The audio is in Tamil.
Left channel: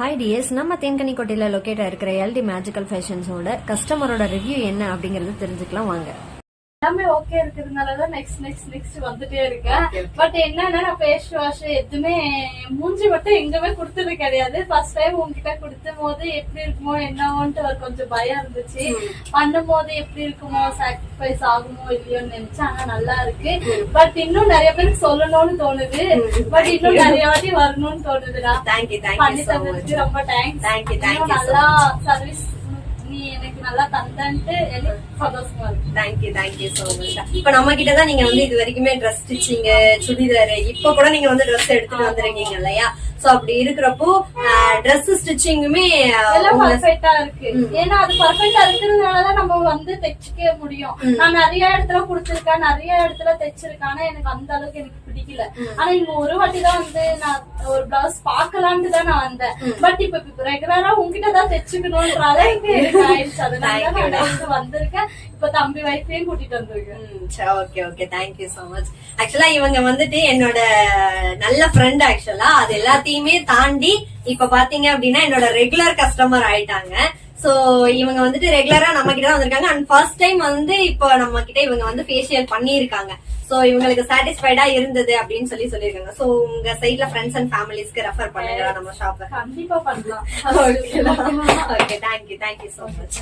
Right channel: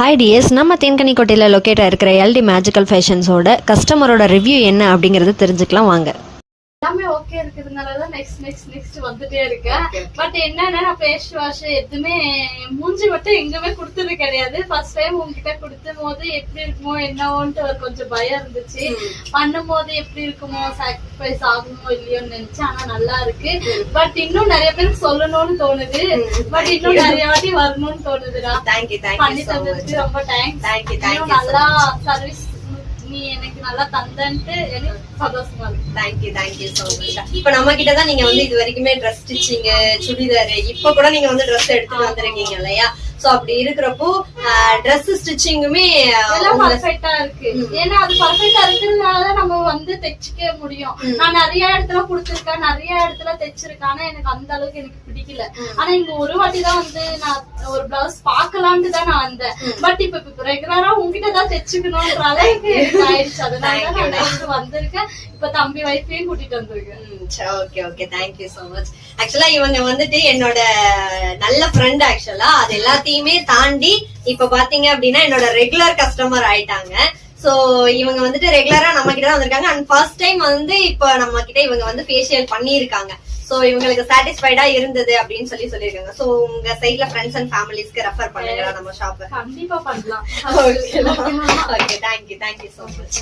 ஹாய் டிஎஸ், நம்ம தேன்கனிக்கோட்டையில் லொக்கேட் இருக்கிற எல்டி மேஜிக்கல் ஃபேஷன்ஸோட கஸ்டமரோட ரிவ்யூ என்ன அப்படிங்கறத தெரிஞ்சுக்கலாம் வாங்க. எல்லாமே ஓகே இருக்கிறதுனாலதான் நெக்ஸ்ட் வந்துட்டே இருக்கேன். பட் என்னன்னா நான் ஃபேஸ் வாஷ் எதுவுமே மூஞ்சி மட்டும் எங்குமே கொடுத்தது கிடையாது. ஃபர்ஸ்ட் டைம் உங்ககிட்ட கொடுத்தும் போது எப்படி இருக்குமோ என்னவோன்ட்டு ஒரு கொஞ்சம் பயம் இருந்துச்சு. பண்ணும் போது எப்படி இருக்குமோ, சாக்ரிஃபைஸ் ஆகுமோ இல்லையோன்னு நினைச்சேன். ஆனா நல்லா இருக்கு. பட் இன்னும் நிறைய பேருக்கு சொல்லணும்னு தோணுது. பட் இன்னும் நிறைய வாட்டி வரணும்னு தோணுதுடா. பண்ணி தந்ததுக்கு ரொம்ப தேங்க்ஸ். நல்லா சர்வீஸ் நீ எனக்கு நல்லா தந்தன்ட்டு சந்தோஷமா இருக்கு. Thank you so much. இப்ப நம்ம கிட்டதான் நீங்க வந்து இது வரைக்குமே ட்ரெஸ் ஸ்டிச்சிங், சுடிதார், இப்ப கூட நீங்க வந்து ட்ரெஸ் எடுத்துட்டு வந்திருக்கீங்க இல்லையா? சோ அப்படி இருக்கிறப்போ ட்ரெஸ் ஸ்டிச்சிங்குமே எல்லாம் பர்ஃபெக்ட்டா இருக்கு. ஏன்னா அது பர்ஃபெக்ட்டா இருக்கிறதுனாலதான் நம்ம வந்து தைச்சிக்க முடியும். நான் நிறைய இடத்துல கொடுத்திருக்கேன், நிறைய இடத்துல தைச்சிருக்கேன். ஆனா எனக்கு அந்த அளவுக்கு எனக்கு பிடிக்கல. ஆனா இங்க ஒரு வாட்டி தான் வந்து நான் ஒரு பிளவுஸ் பாக்கலான்ட்டு தான் நான் வந்தேன். பட் இப்ப ரெகுலரா உங்ககிட்ட தான் தைச்சுக்கணும்ன்ற அளவுக்கு எனக்கு ஆயிடுச்சு. அதனால நான் வந்திருக்கேன். இப்ப தம்பி வைஃபையும் கூட்டிட்டு வந்திருக்கேன். Okay thank you so much. ஆக்சுவலா இவங்க வந்துட்டு என்னோட நல்ல ஃப்ரெண்ட். ஆக்சுவலா அது எல்லாத்தையுமே தாண்டி இப்ப பாத்தீங்க அப்படின்னா என்னோட ரெகுலர் கஸ்டமர் ஆயிட்டாங்க. சோ இவங்க வந்துட்டு ரெகுலரா நம்ம கிட்ட தான் வந்திருக்காங்க. அண்ட் ஃபர்ஸ்ட் டைம் வந்து இப்ப நம்ம கிட்ட இவங்க வந்து ஃபேஷியல் பண்ணிருக்காங்க. சோ இவங்களுக்கு சாட்டிஸ்ஃபைடா இருந்தது அப்படின்னு சொல்லிருக்காங்க. சோ உங்க சைட்ல ஃப்ரெண்ட்ஸ் அண்ட் ஃபேமிலிஸ்க்கு ரெஃபர் பண்ணுங்க நம்ம ஷாப். கண்டிப்பா பண்ணலாம். Okay thank you so much.